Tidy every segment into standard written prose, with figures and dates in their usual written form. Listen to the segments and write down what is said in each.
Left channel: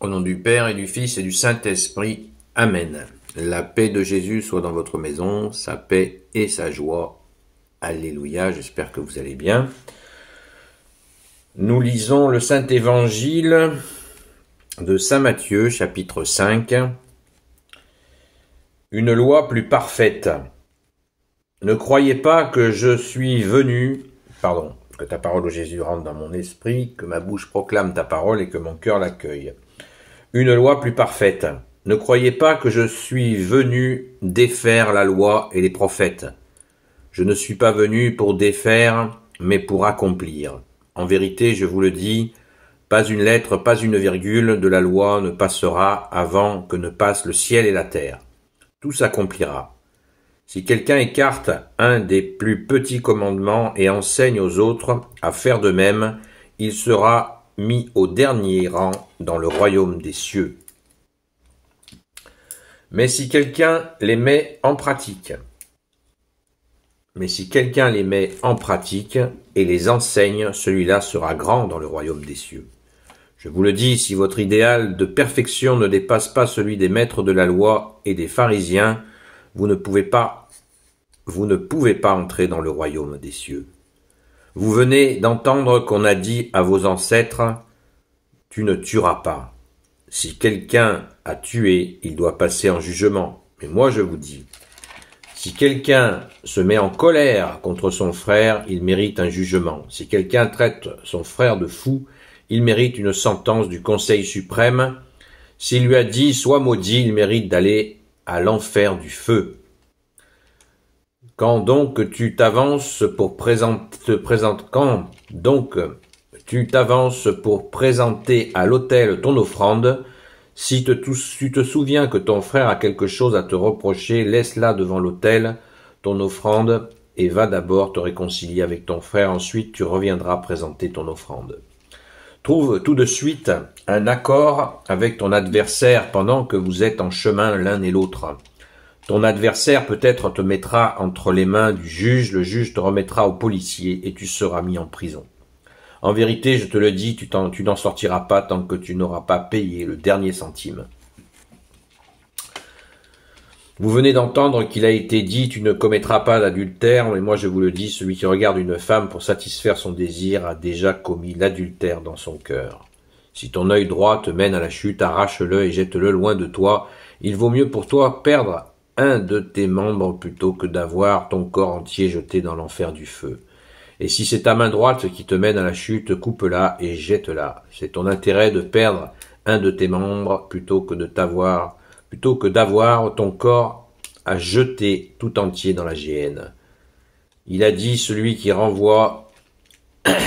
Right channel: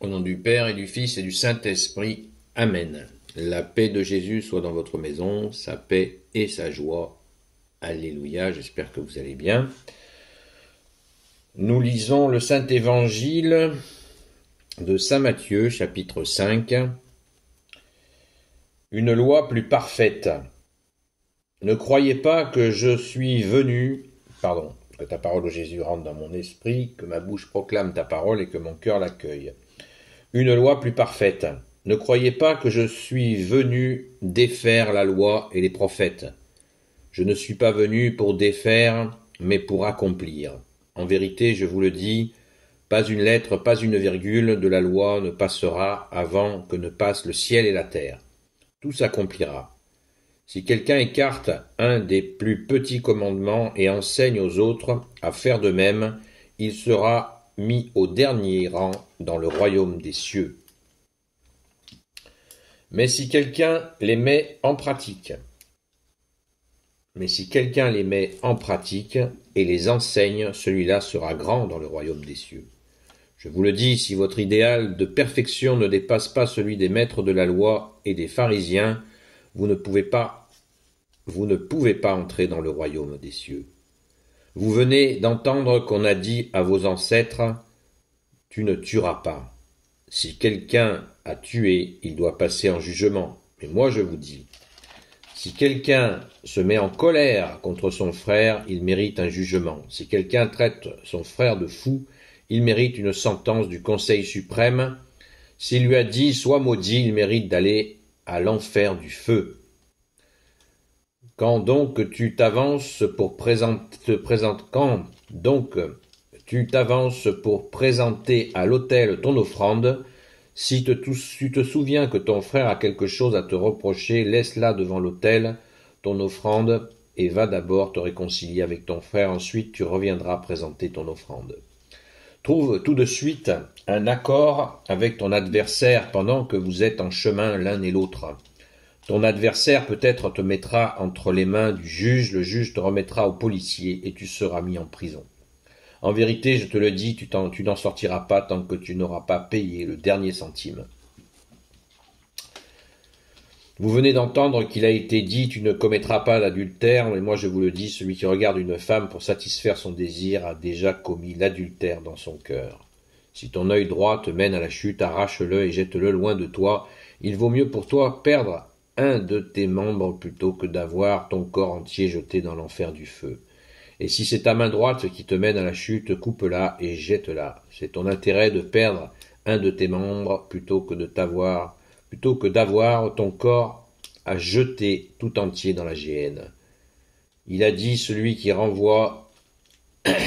Au nom du Père et du Fils et du Saint-Esprit. Amen. La paix de Jésus soit dans votre maison, sa paix et sa joie. Alléluia, j'espère que vous allez bien. Nous lisons le Saint-Évangile de Saint Matthieu, chapitre 5. Une loi plus parfaite. Ne croyez pas que je suis venu... que ta parole, ô Jésus, rentre dans mon esprit, que ma bouche proclame ta parole et que mon cœur l'accueille. Une loi plus parfaite. Ne croyez pas que je suis venu défaire la loi et les prophètes. Je ne suis pas venu pour défaire, mais pour accomplir. En vérité, je vous le dis, pas une lettre, pas une virgule de la loi ne passera avant que ne passent le ciel et la terre. Tout s'accomplira. Si quelqu'un écarte un des plus petits commandements et enseigne aux autres à faire de même, il sera mis au dernier rang dans le royaume des cieux. Mais si quelqu'un les met en pratique, et les enseigne, celui-là sera grand dans le royaume des cieux. Je vous le dis, si votre idéal de perfection ne dépasse pas celui des maîtres de la loi et des pharisiens, vous ne pouvez pas entrer dans le royaume des cieux. Vous venez d'entendre qu'on a dit à vos ancêtres « Tu ne tueras pas ». Si quelqu'un a tué, il doit passer en jugement. Mais moi je vous dis, si quelqu'un se met en colère contre son frère, il mérite un jugement. Si quelqu'un traite son frère de fou, il mérite une sentence du Conseil suprême. S'il lui a dit « Sois maudit », il mérite d'aller à l'enfer du feu. Quand donc tu t'avances pour présenter à l'autel ton offrande, si tu te souviens que ton frère a quelque chose à te reprocher, laisse-la devant l'autel, ton offrande, et va d'abord te réconcilier avec ton frère, ensuite tu reviendras présenter ton offrande. Trouve tout de suite un accord avec ton adversaire pendant que vous êtes en chemin l'un et l'autre. Ton adversaire peut-être te mettra entre les mains du juge, le juge te remettra au policier et tu seras mis en prison. En vérité, je te le dis, tu n'en sortiras pas tant que tu n'auras pas payé le dernier centime. Vous venez d'entendre qu'il a été dit « Tu ne commettras pas l'adultère », mais moi je vous le dis, celui qui regarde une femme pour satisfaire son désir a déjà commis l'adultère dans son cœur. Si ton œil droit te mène à la chute, arrache-le et jette-le loin de toi. Il vaut mieux pour toi perdre un de tes membres plutôt que d'avoir ton corps entier jeté dans l'enfer du feu. Et si c'est ta main droite qui te mène à la chute, coupe-la et jette-la. C'est ton intérêt de perdre un de tes membres plutôt que d'avoir ton corps à jeter tout entier dans la géhenne. Il a dit, celui qui renvoie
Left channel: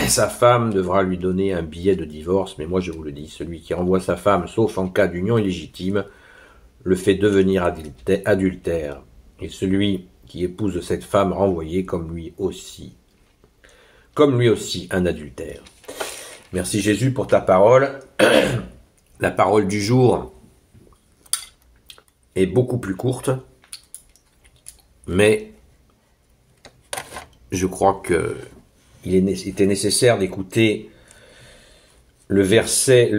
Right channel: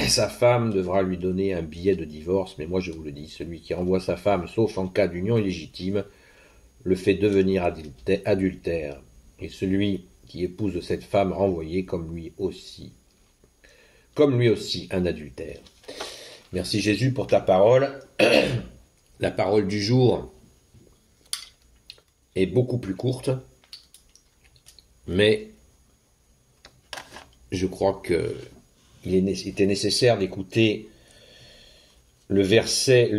sa femme devra lui donner un billet de divorce, mais moi je vous le dis, celui qui renvoie sa femme, sauf en cas d'union illégitime, le fait devenir adultère, et celui qui épouse cette femme renvoyée comme lui aussi un adultère. Merci Jésus pour ta parole. La parole du jour est beaucoup plus courte, mais je crois qu'il était nécessaire d'écouter les versets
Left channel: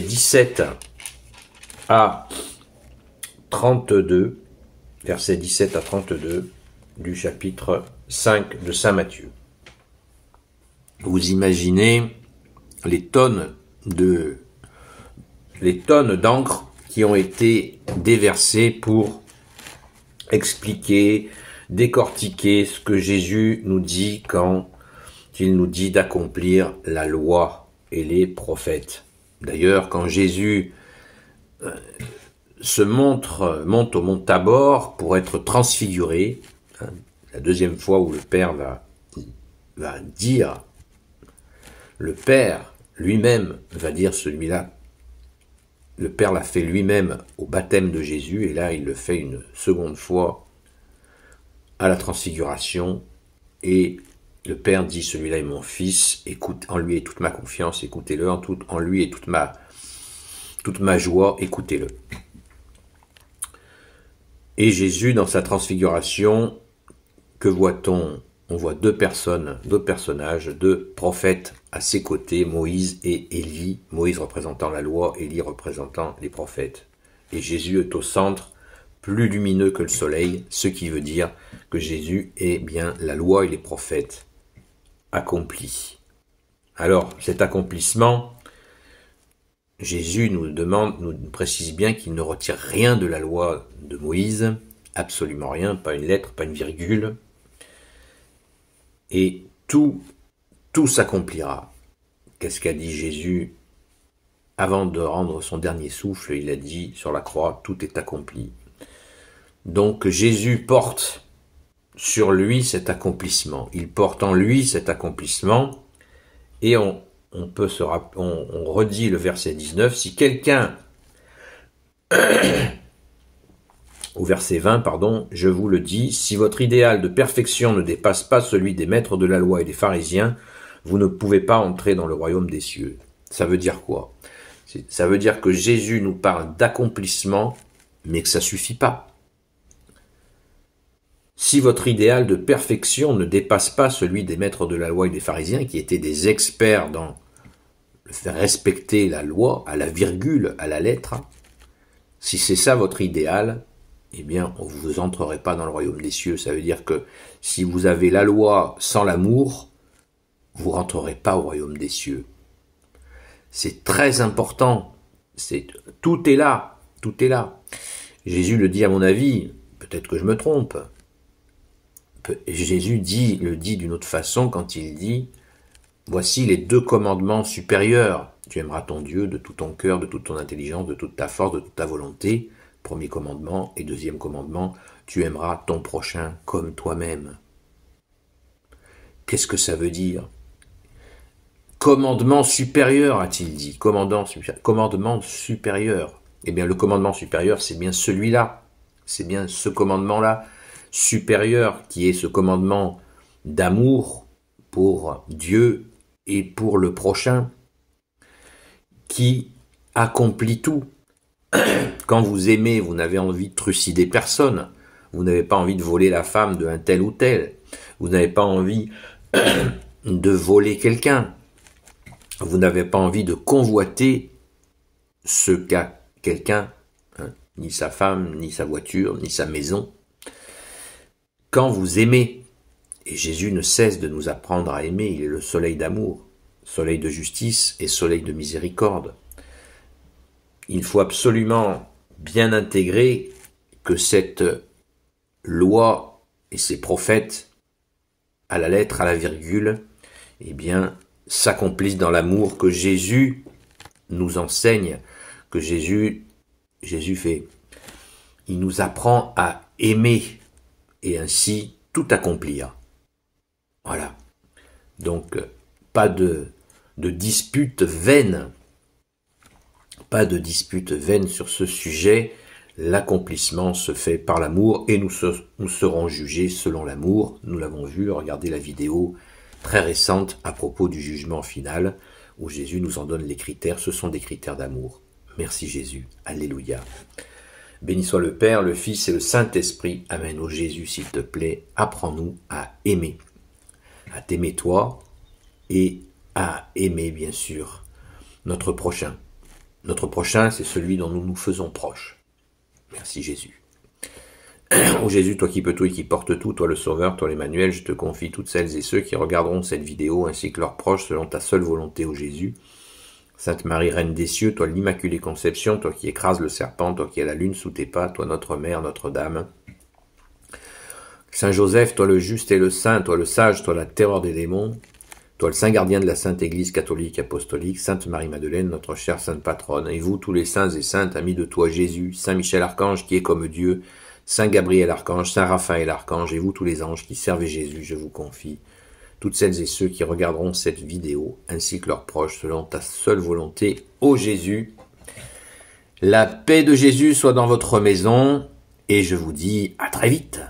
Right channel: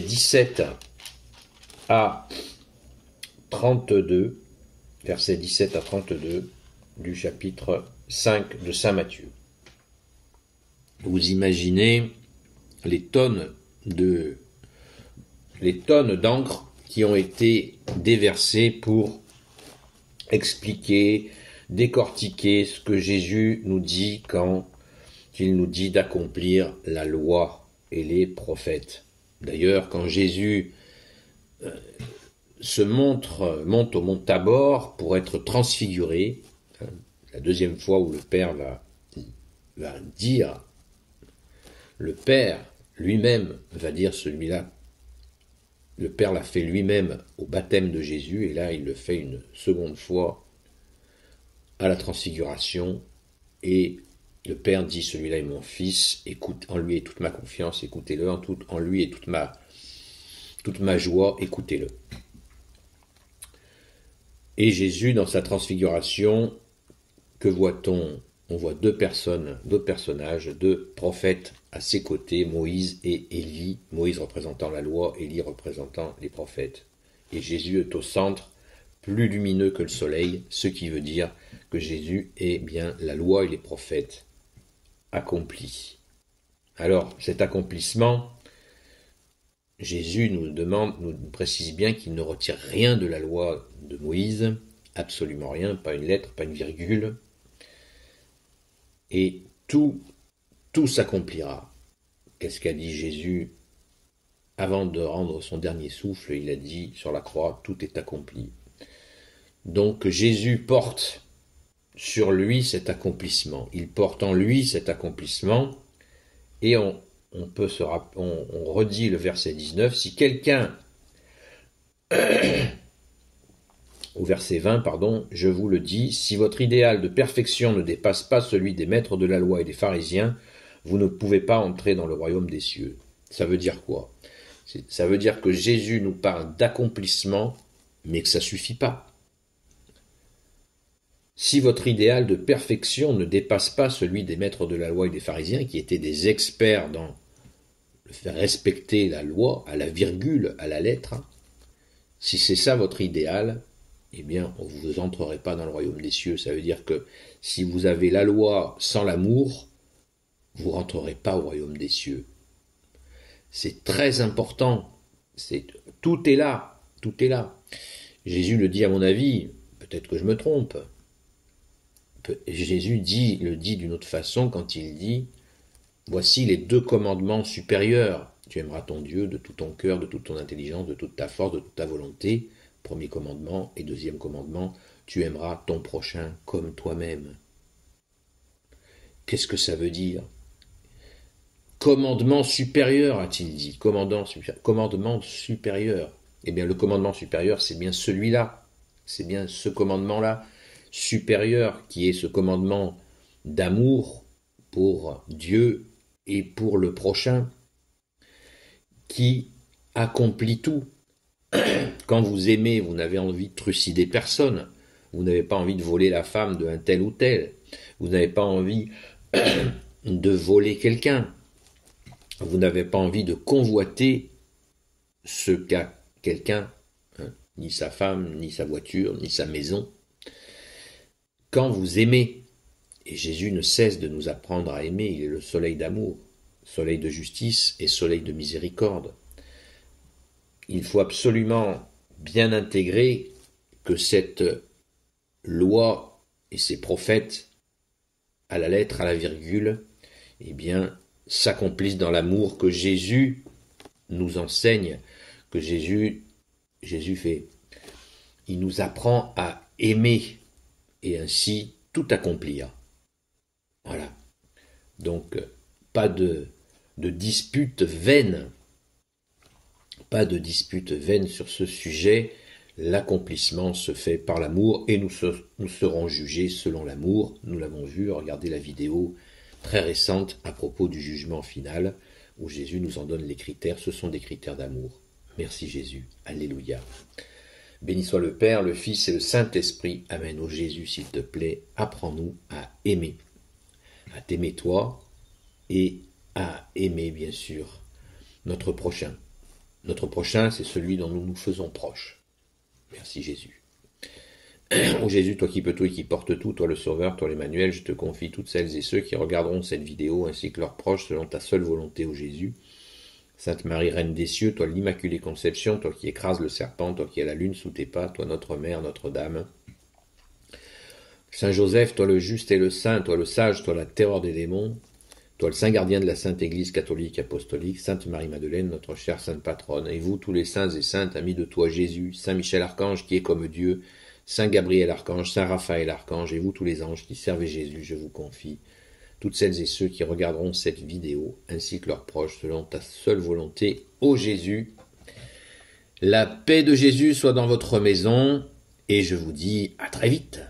17 à 32, versets 17 à 32 du chapitre 5 de Saint Matthieu. Vous imaginez les tonnes d'encre qui ont été déversées pour expliquer, décortiquer ce que Jésus nous dit quand il nous dit d'accomplir la loi et les prophètes. D'ailleurs, quand Jésus monte au mont Tabor pour être transfiguré, la deuxième fois où le Père va dire, le Père lui-même va dire celui-là, le Père l'a fait lui-même au baptême de Jésus, et là il le fait une seconde fois à la transfiguration, et le Père dit, celui-là est mon fils, écoute, en lui est toute ma confiance, écoutez-le, en lui est toute ma joie, écoutez-le. Et Jésus, dans sa que voit-on? On voit deux personnages, deux prophètes à ses côtés Moïse et Élie, Moïse représentant la loi, Élie représentant les prophètes. Et Jésus est au centre, plus lumineux que le soleil, ce qui veut dire que Jésus est bien la loi et les prophètes accomplis. Alors, cet accomplissement, Jésus nous précise bien qu'il ne retire rien de la loi de Moïse, absolument rien, pas une lettre, pas une virgule, et tout s'accomplira. Qu'est-ce qu'a dit Jésus avant de rendre son dernier souffle? Il a dit sur la croix, tout est accompli. Donc Jésus porte sur lui cet accomplissement. Il porte en lui cet accomplissement, et on redit le verset 19, si quelqu'un, au verset 20, pardon, je vous le dis, si votre idéal de perfection ne dépasse pas celui des maîtres de la loi et des pharisiens, vous ne pouvez pas entrer dans le royaume des cieux. Ça veut dire quoi? Ça veut dire que Jésus nous parle d'accomplissement, mais que ça ne suffit pas. Si votre idéal de perfection ne dépasse pas celui des maîtres de la loi et des pharisiens, qui étaient des experts dans le faire respecter la loi, à la virgule, à la lettre, si c'est ça votre idéal, eh bien, vous n'entrerez pas dans le royaume des cieux. Ça veut dire que si vous avez la loi sans l'amour, vous ne rentrerez pas au royaume des cieux. C'est très important. Tout est là. Tout est là. Jésus le dit à mon avis, peut-être que je me trompe. Jésus le dit d'une autre façon quand il dit « Voici les 2 commandements supérieurs. Tu aimeras ton Dieu de tout ton cœur, de toute ton intelligence, de toute ta force, de toute ta volonté. » Premier commandement. Et deuxième commandement, tu aimeras ton prochain comme toi-même. Qu'est-ce que ça veut dire? Commandement supérieur, a-t-il dit. Commandement supérieur. Eh bien, le commandement supérieur, c'est bien celui-là. C'est bien ce commandement-là supérieur qui est ce commandement d'amour pour Dieu et pour le prochain qui accomplit tout. Quand vous aimez, vous n'avez envie de trucider personne. Vous n'avez pas envie de voler la femme d'un tel ou tel. Vous n'avez pas envie de voler quelqu'un. Vous n'avez pas envie de convoiter ce qu'a quelqu'un, ni sa femme, ni sa voiture, ni sa maison. Quand vous aimez, et Jésus ne cesse de nous apprendre à aimer, il est le soleil d'amour, soleil de justice et soleil de miséricorde. Il faut absolument bien intégrer que cette loi et ces prophètes, à la lettre, à la virgule, eh bien, s'accomplissent dans l'amour que Jésus nous enseigne, que Jésus fait. Il nous apprend à aimer et ainsi tout accomplir. Voilà. Donc, pas de dispute vaine. Pas de dispute vaine sur ce sujet. L'accomplissement se fait par l'amour et nous serons jugés selon l'amour. Nous l'avons vu, regardez la vidéo très récente à propos du jugement final où Jésus nous en donne les critères. Ce sont des critères d'amour. Merci Jésus. Alléluia. Béni soit le Père, le Fils et le Saint-Esprit. Amen. Ô Jésus, s'il te plaît, apprends-nous à aimer. À t'aimer toi et à aimer, bien sûr, notre prochain. Notre prochain, c'est celui dont nous nous faisons proches. Merci Jésus. Ô Jésus, toi qui peux tout et qui portes tout, toi le Sauveur, toi l'Emmanuel, je te confie toutes celles et ceux qui regarderont cette vidéo ainsi que leurs proches selon ta seule volonté, ô Jésus. Sainte Marie, Reine des cieux, toi l'Immaculée Conception, toi qui écrases le serpent, toi qui as la lune sous tes pas, toi notre Mère, Notre-Dame. Saint Joseph, toi le juste et le saint, toi le sage, toi la terreur des démons, toi le saint gardien de la Sainte Église catholique apostolique, Sainte Marie-Madeleine, notre chère Sainte Patronne, et vous tous les saints et saintes, amis de toi Jésus, Saint Michel Archange qui est comme Dieu, Saint Gabriel Archange, Saint Raphaël Archange, et vous tous les anges qui servez Jésus, je vous confie, toutes celles et ceux qui regarderont cette vidéo, ainsi que leurs proches, selon ta seule volonté, ô Jésus. La paix de Jésus soit dans votre maison, et je vous dis à très vite.